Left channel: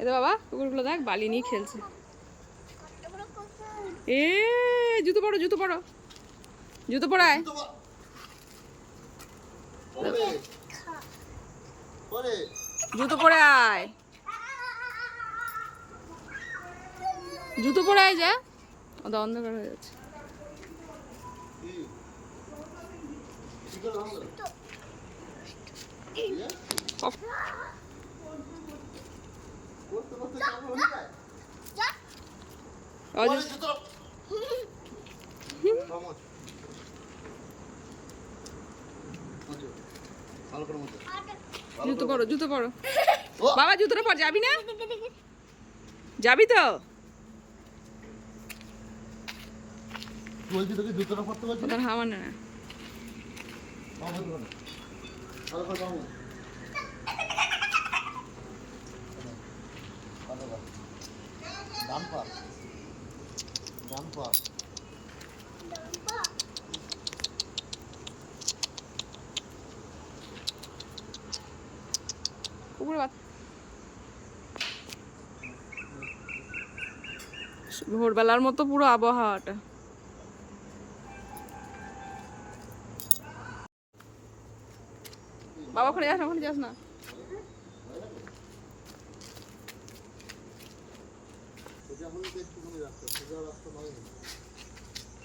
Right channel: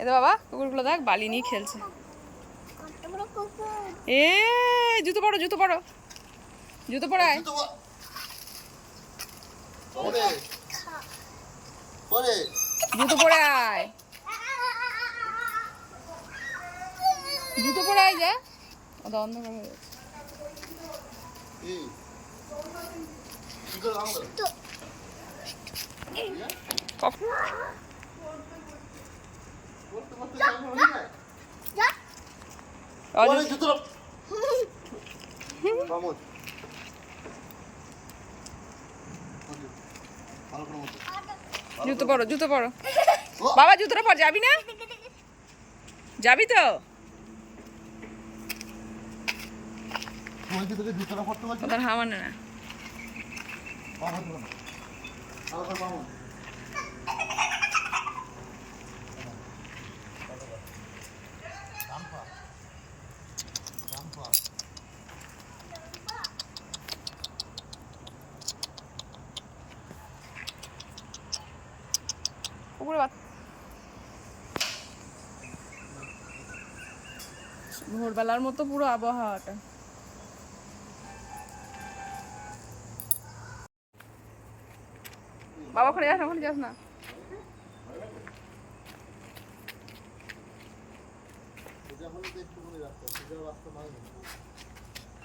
এতো বাবা কুকুরগুলো দেখ বালি নিয়ে খেলছে। এ জুতো পরো জুতো পরো জুতো পরায় জুতো পরে আয় জুতো পরে আয় যা ওটা অন্ধকার হয়ে যাচ্ছে। জুতো পরো জুতো পরো বাবা জুতোটা পর যাবি না যাবি তো ওদের হাওয়া না কুকুরের বাচ্চা ভোরবেলার মতো পুরো আবহাওয়াটা। বাবা ওখানে যাস না ওখানে যাস না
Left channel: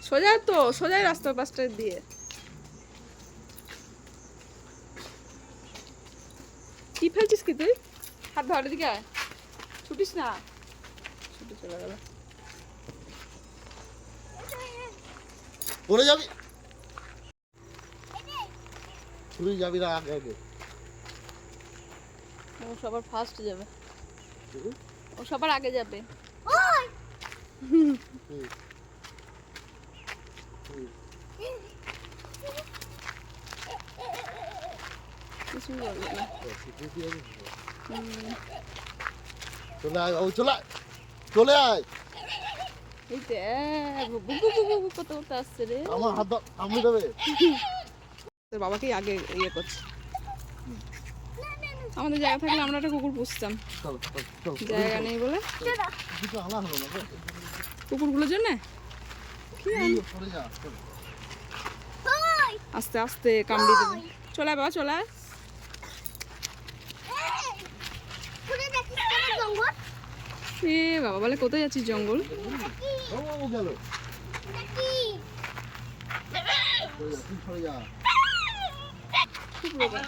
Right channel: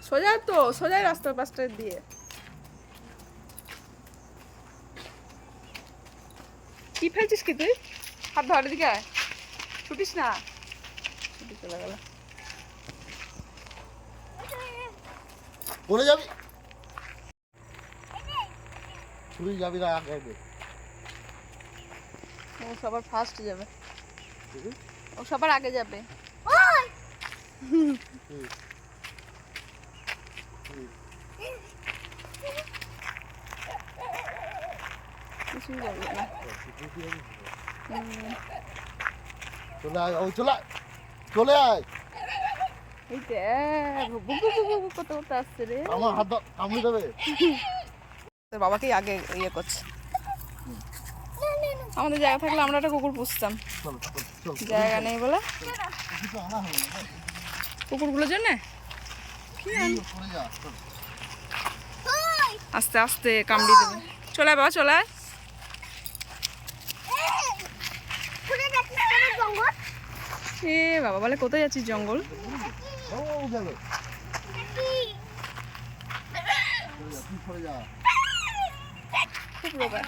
সোজা তো সোজাই রাস্তা পাশটা দিয়ে কি ফেলছিস কি তুই হাত ধর দিকে ছুটিস না ছুটি চলে গেল পড়ে যাবি তুই যাবি না আগে আগে ও সবার ফার্স্ট যাবে ও সবার আগে যাবে কিছুই বলবে না চলে আয় ও চলে আয় চলে আয় এই তো কত কত আসছে রে আমার হাত কামড়ে দেবে তোর বাবাকেই আগে ইয়ে করছে আমাদের জায়গা থাকলে আমরা একটা কুকুর পুষতাম জায়গা নেই বলে কুকুরগুলোর জন্য আস্তে আস্তে কামড়ি দেবে চলে আয় বাবা চলে আয় এ বাবা বলে কোথায় যাচ্ছিস জঙ্গল খুব রোগা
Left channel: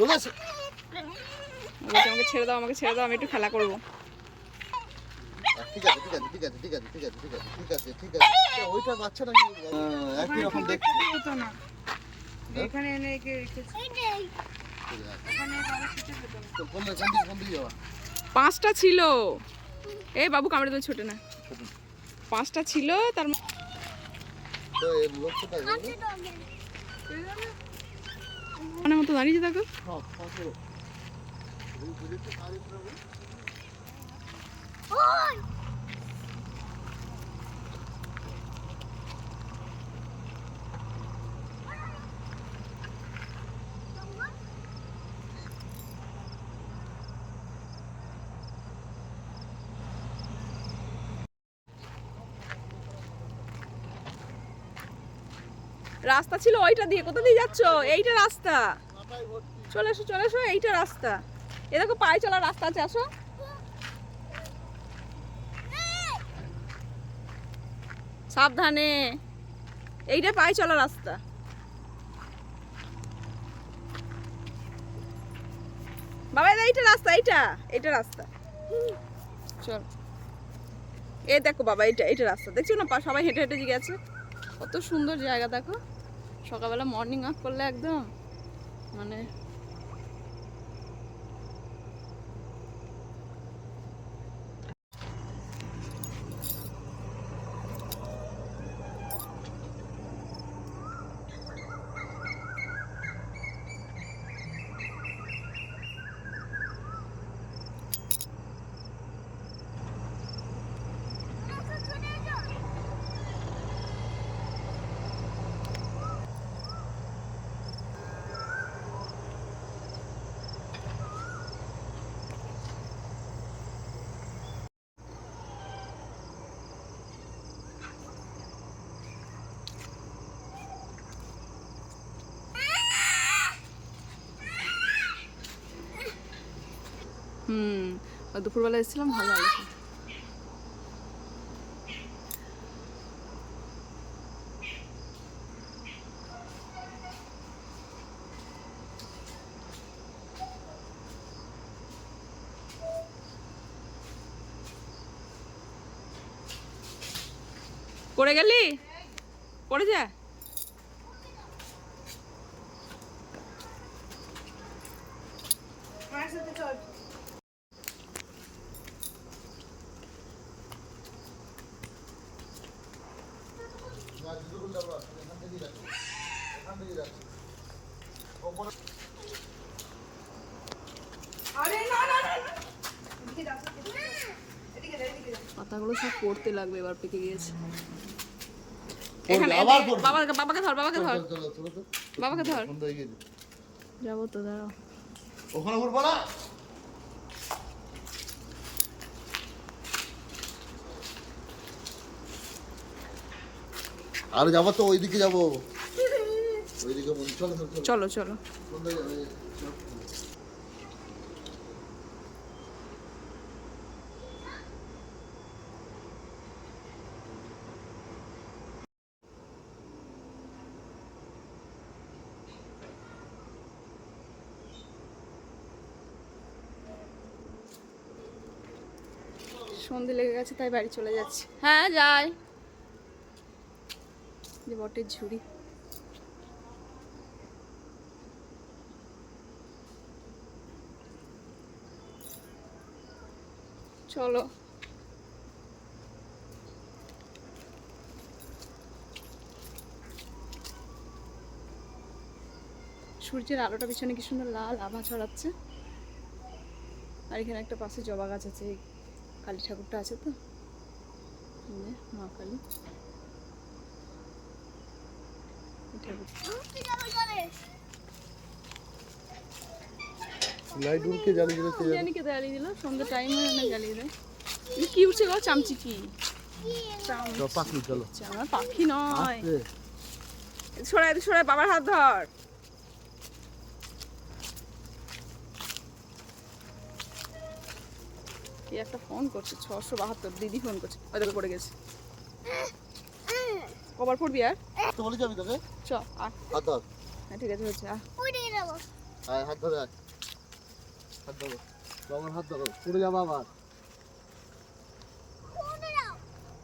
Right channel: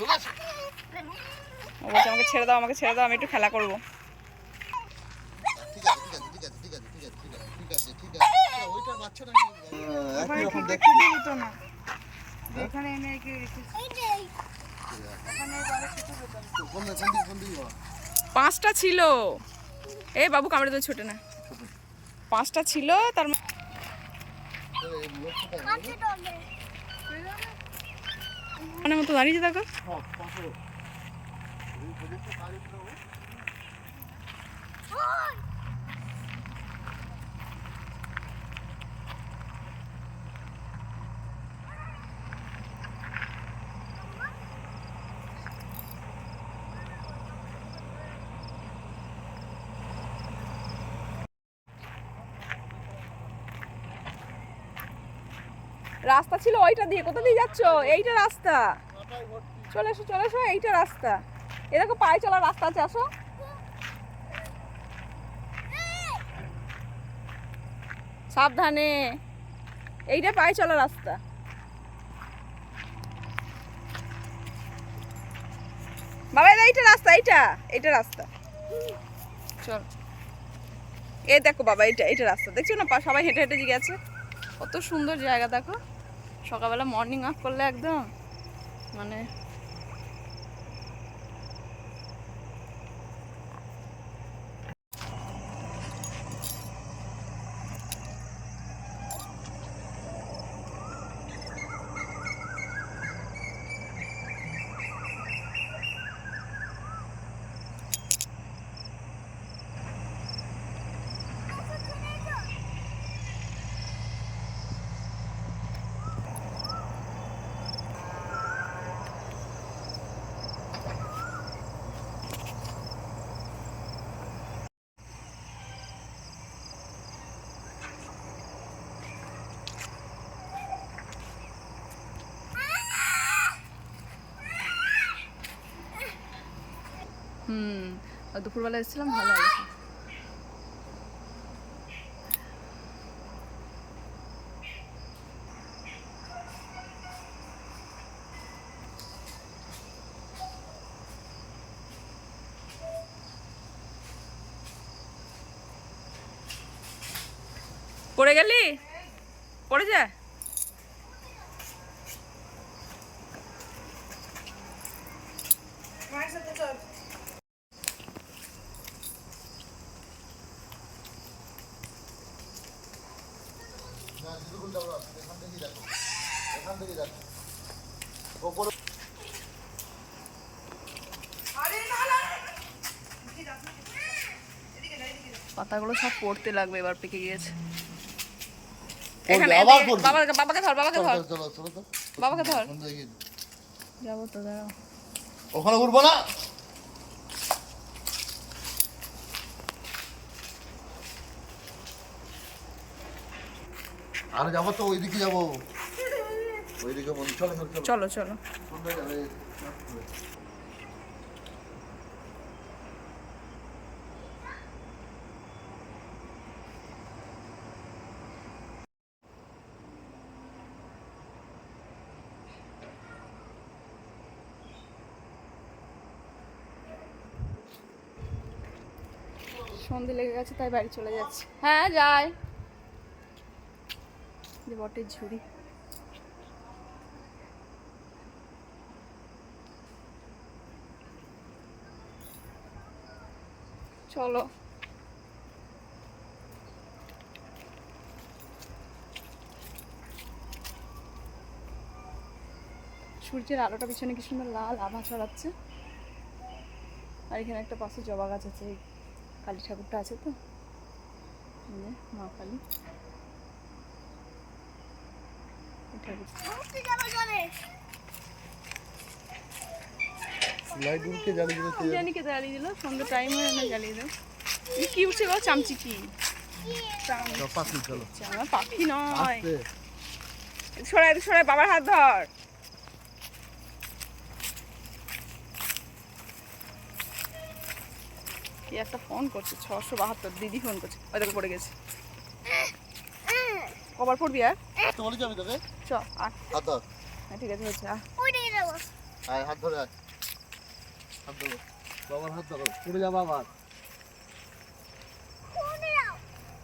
ও বলছে আমাকে ছেড়ে দাও আমি একটু খেলা করবো পাঁচটা ছিল এ বাবু কামড়ে তো ছোটে না পাঁচটা ছিল তার মানে মতো দাঁড়িয়েছে দেখো রাস্তা ছিল ওইটা দিয়ে কোথা দিয়ে যাচ্ছ এইটা রাস্তা চলে এসো এইটা রাস্তা এ দেখো পায়ে চলার রাস্তা আছে আসো সাবধানে এইটা পায়ে চলার রাস্তা বাবা এইটা রাস্তা এইটা রাস্তা চল এ দেখো বাবা এইটা রাস্তা দেখছো না সবাই হেঁটে হেঁটে গেছে কত সুন্দর জায়গা দেখো সকালবেলা মর্নিং ওয়াক করলে একদম মানে দুপুরবেলা এসেছিলাম, ভালো আলোচনা। পড়ে গেলি? পড়ে যা। পাতাগুলো সব পড়তে লাগবে, এবার পেকে গিয়েছে। এখানে বাবাকে ধর, বাবাকে ধর, বাবাকে ধর। যাবো তো, দাঁড়াও। ওখানে উঠবো না। আর যাবো তো, ওইদিকে যাবো, ওইদিকে মন্দির। চলো চলো চলো। সুন্দর যাবে। সন্ধে লেগে গেছে, তাই বাড়ি চলে যাচ্ছি। হ্যাঁ যাই। যে বটের ঝুড়ি। চলো। সূর্যের আলোটা পিছনে কি সুন্দর লাল আভা ছড়াচ্ছে। আর এখানে একটা পাশে জবা গাছ আছে, কালী ঠাকুরটা আছে তো, মা কালী। জানি কে জ্বালিয়ে দিল, সন্ধ্যে টাইম হয়ে না জ্বালিয়ে দিল। কি উঠছে গো? চামচি কি? আমার পাখি নয়। সরাই সরাই, বাবার হাত ধর। কি একটা ফোন করছে, 672, দিদি ফোন করছে। ওই দেখো পড়ে গেছে। কবার পড়বি আর? চ আর হাত ধর। হ্যাঁ ঠিক আছে, হচ্ছে। আয়, হাত ধরে আয়। হাত ধরো, বাবার হাত ধরো। পড়ে যাবো আবার।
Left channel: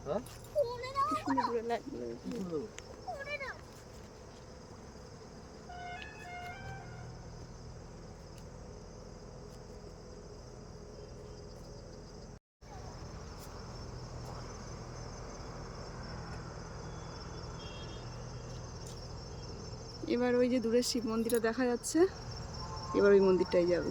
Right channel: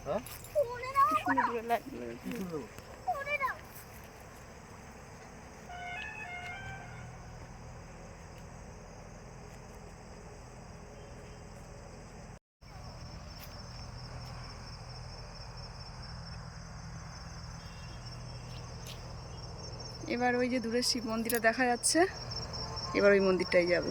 হ্যাঁ, কি সুন্দর দূরে লাইট জ্বলছে। এবার ওই যে দূরের শিব মন্দিরটা দেখা যাচ্ছে, এবার ওই মন্দিরটাই যাব।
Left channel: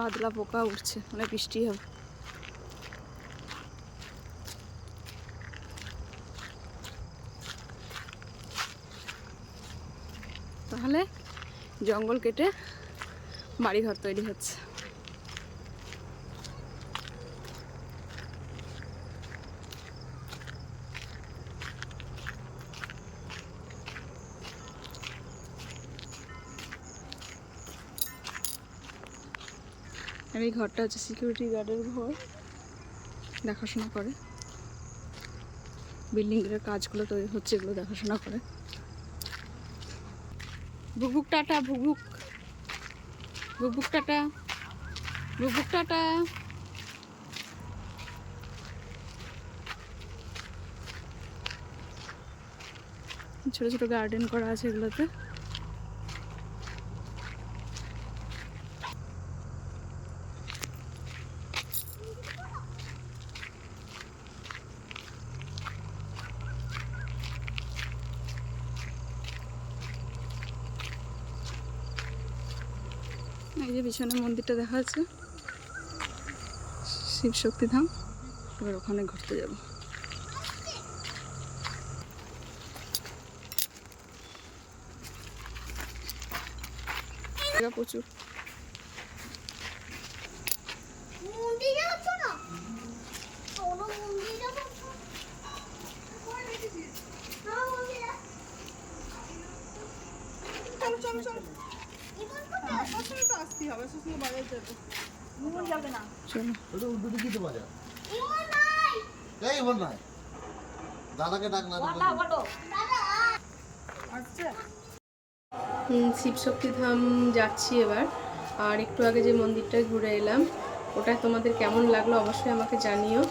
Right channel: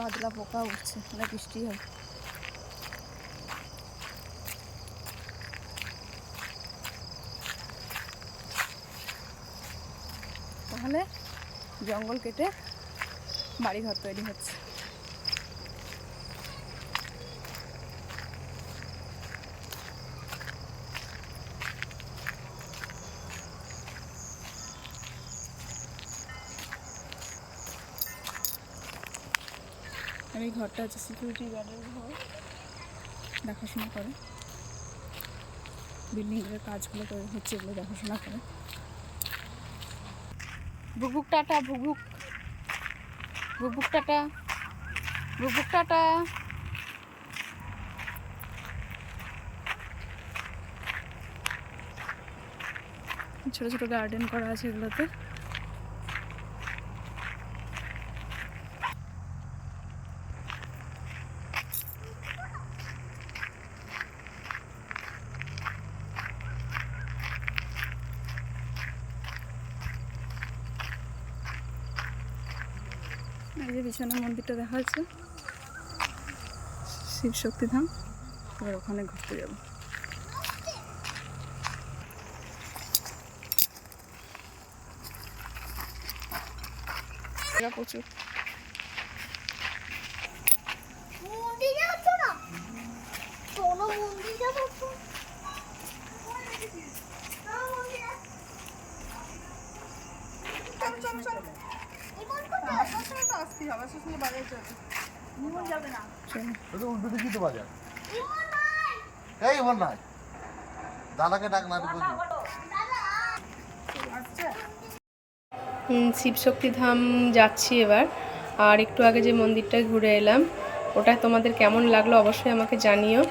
বাদলা পোকা উঠছে, অনেক বৃষ্টি হবে। তাহলে জঙ্গল কেটে বাড়িঘর তৈরি হচ্ছে। আর এই ঘরটা হচ্ছে সিকিউরিটি গার্ডের ঘর, দেখাশোনা করে। বিল্ডিংয়ের কাজগুলো তৈরি হচ্ছে, এগুলো দেখাশোনা করে। ভুকভুক টাটা, ভুকভুক, ভুকভুক টাটা, ভুকভুক টাটা। ছোট ছোট গার্ডেন করা আছে এগুলোতে। এই যে পিছনে মন্দিরটা দেখা যাচ্ছে, শিব শক্তি ধাম। এবার ওখানে ঘুরতে যাব। প্রচুর ওটা উল্টো দিকেই তো বাজার। এই ইমন নাই, দাদাকে ডাক না দিতে। শিবশক্তি ধাম যাচ্ছি এবার। আর একটু আগে যে মন্দিরটায় ঘুরে এলাম, ওটা তোমাদের কেমন লাগলো অবশ্যই আমাকে জানিও।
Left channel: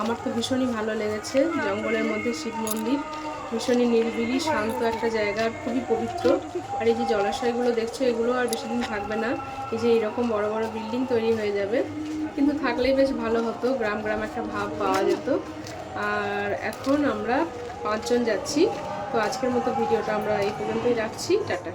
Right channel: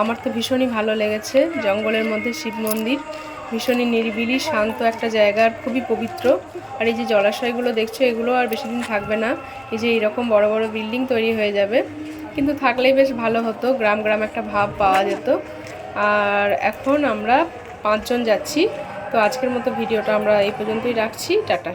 আমার তো ভীষণই ভালো লেগেছে। জঙ্গলের মধ্যে শিব মন্দির, ভীষণই নিরিবিলি শান্ত একটা জায়গা, আর খুবই পবিত্র। আর এই যে জলাশয়গুলো দেখছো, এগুলো আর বেশি দিন থাকবে না। এই যে এইরকম বড় বড় বিল্ডিং তৈরি হয়ে যাবে, কিন্তু থাকলেই বেশ ভালো হতো, গ্রাম গ্রাম একটা ভাব পাওয়া যেত। আর এখন আমরা 5 জন যাচ্ছি। তো আজকের মতো ভিডিওটা আমরা এই পর্যন্তই রাখছি। টাটা।